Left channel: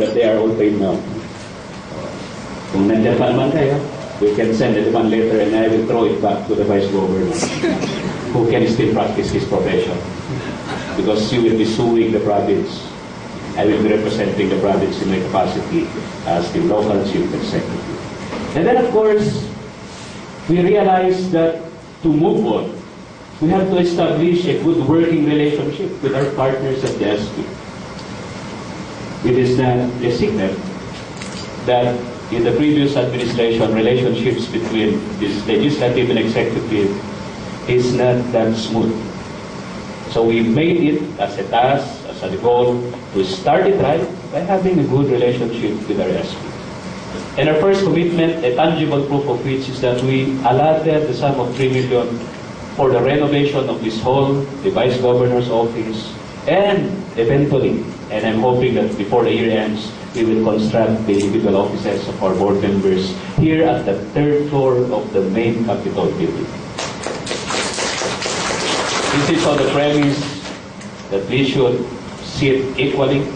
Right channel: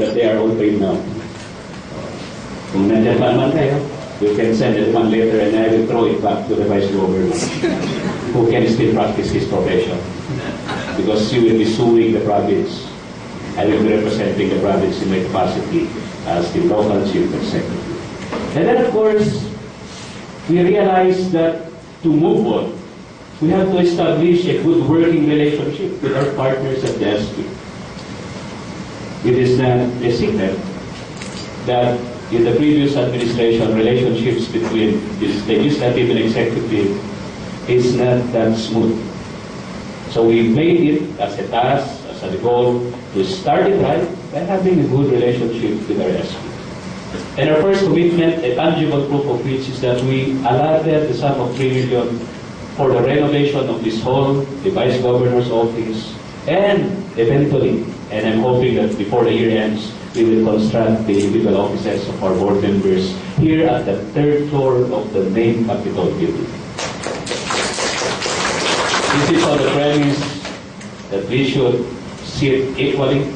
that they are all paid now. Kung nandiyan pa naman kayo, we can send a demand letter and I will throw it back to the Vice Governor who can still practice his profession. Because you will be suing the province. I will be representing the province in my capacity as the local chief executive. And then, of course, we realize that to move on, we have to establish a good working relationship with our partners at the SP. It is not a secret that in the previous administration, relationships between the legislative and executive is not that smooth. So we made it as a task, as a goal, to start it right by having a good relationship with our SP. And our first commitment, a tangible proof of which, is that we allotted the sum of 3 million for the renovation of this hall, the Vice Governor's office, and eventually, and I'm hoping that before the year ends, we will construct the individual offices of our board members here at the 3rd floor of the main Capitol building. This is on the premise that we should sit equally,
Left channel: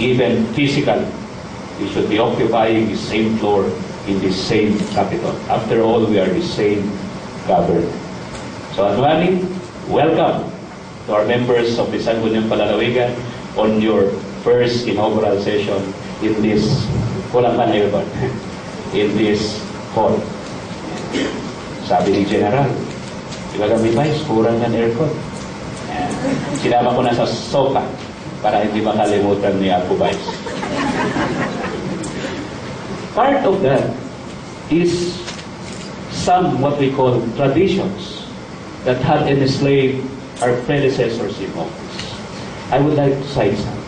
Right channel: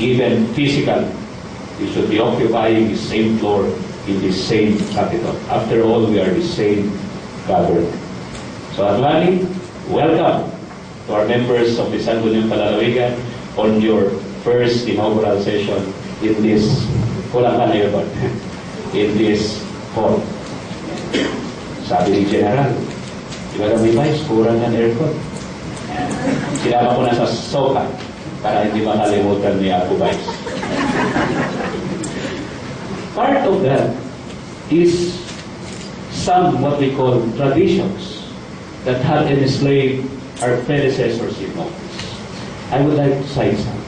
even physically. We should be occupying the same floor in the same Capitol. After all, we are the same government. So, Adwani, welcome to our members of the Sangguniang Palalawigan on your first inaugural session in this in this hall. Sabi ni General, iba kami Vice, kurang ng aircon. Sinama ko na sa Sopa para hindi makalimutan ni Apo Vice. Part of that is some what we call traditions that had enslaved our predecessors in office. I would like to cite some.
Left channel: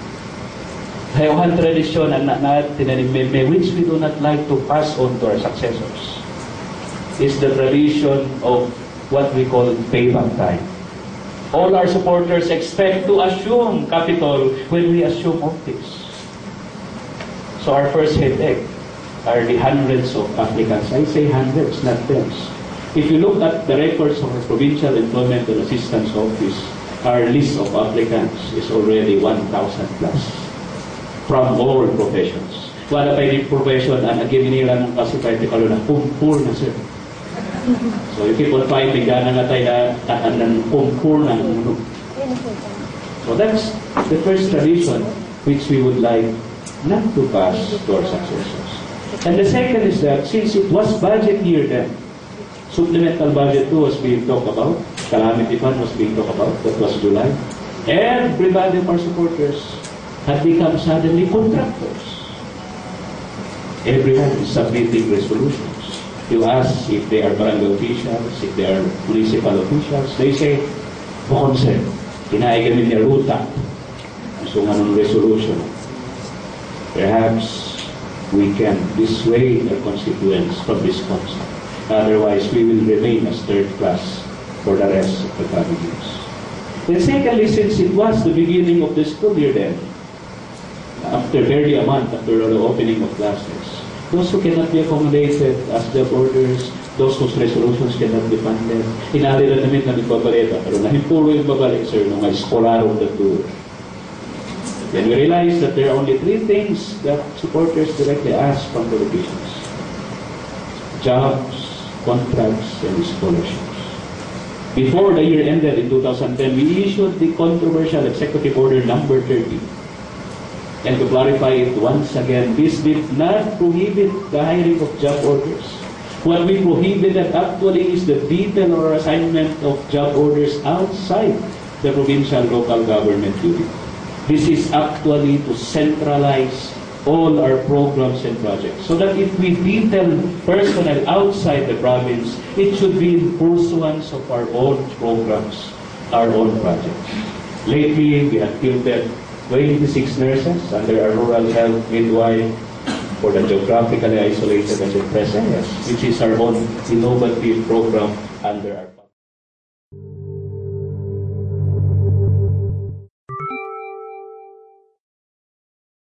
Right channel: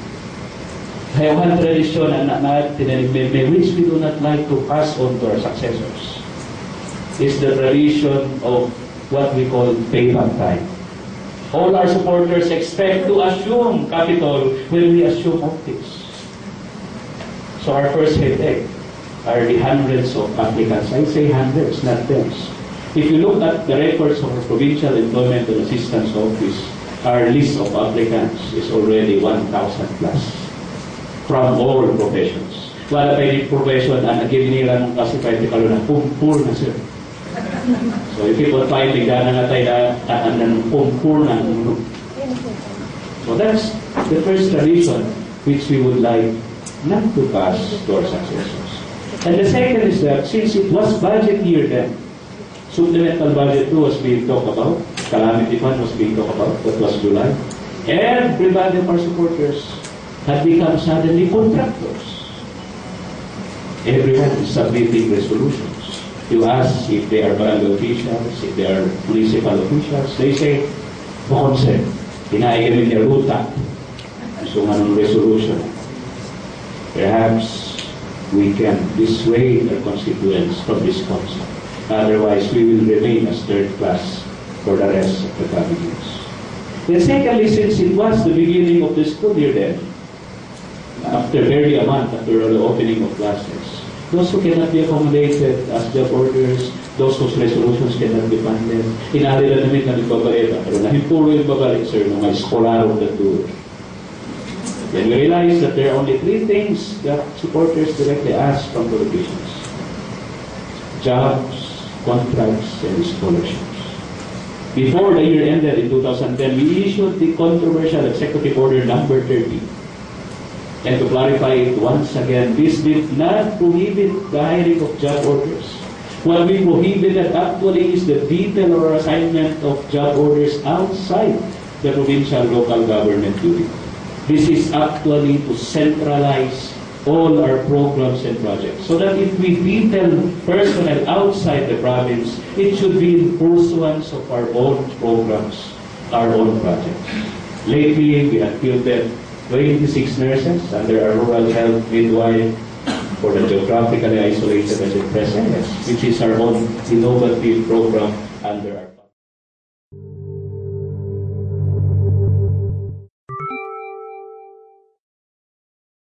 One tradition which we do not like to pass on to our successors is the tradition of what we call payback time. All our supporters expect to assume capital when we assume office. So our first headache are the hundreds of applicants. I say hundreds, not tens. If you look at the records of our Provincial Employment and Assistance Office, our list of applicants is already 1,000 plus from all professions. Wala pa yung profession ang naginira ng classified dekalo na pumpur na sir. So if people finding gana nga tayo na pumpur na. So that's the first tradition which we would like not to pass to our successors. And the second is that since it was budget year then, supplemental budget 2 was being talked about, calamity fund was being talked about, that was July. Everybody of our supporters had become suddenly contractors. Everyone is submitting resolutions. You ask if they are barangay officials, if they are municipal officials, they say, "Bukonsel, kinaigamin niya ruta." So nga ng resolution. Perhaps we can dissuade our constituents from this concept. Otherwise, we will remain as third class for the rest of the coming years. And secondly, since it was the beginning of the school year then, after barely a month after the opening of classes, those who cannot be accommodated as job orders, those whose resolutions cannot be funded, inali na namin na nagbabalita, pero nahimpuro yung babalik, sir, nung may scholarong datulo. Then we realized that there are only 3 things that supporters directly ask from politicians: jobs, contracts, and scholarships. Before the year ended in 2010, we issued the controversial Executive Order number 30. And to clarify it once again, this did not prohibit the hiring of job orders. What we prohibited actually is the detail or assignment of job orders outside the provincial local government unit. This is actually to centralize all our programs and projects, so that if we detail personnel outside the province, it should be in pursuance of our own programs, our own projects. Lately, we have fielded 26 nurses under our rural health midwife for the geographically isolated and depressed areas, which is our own innovative program under our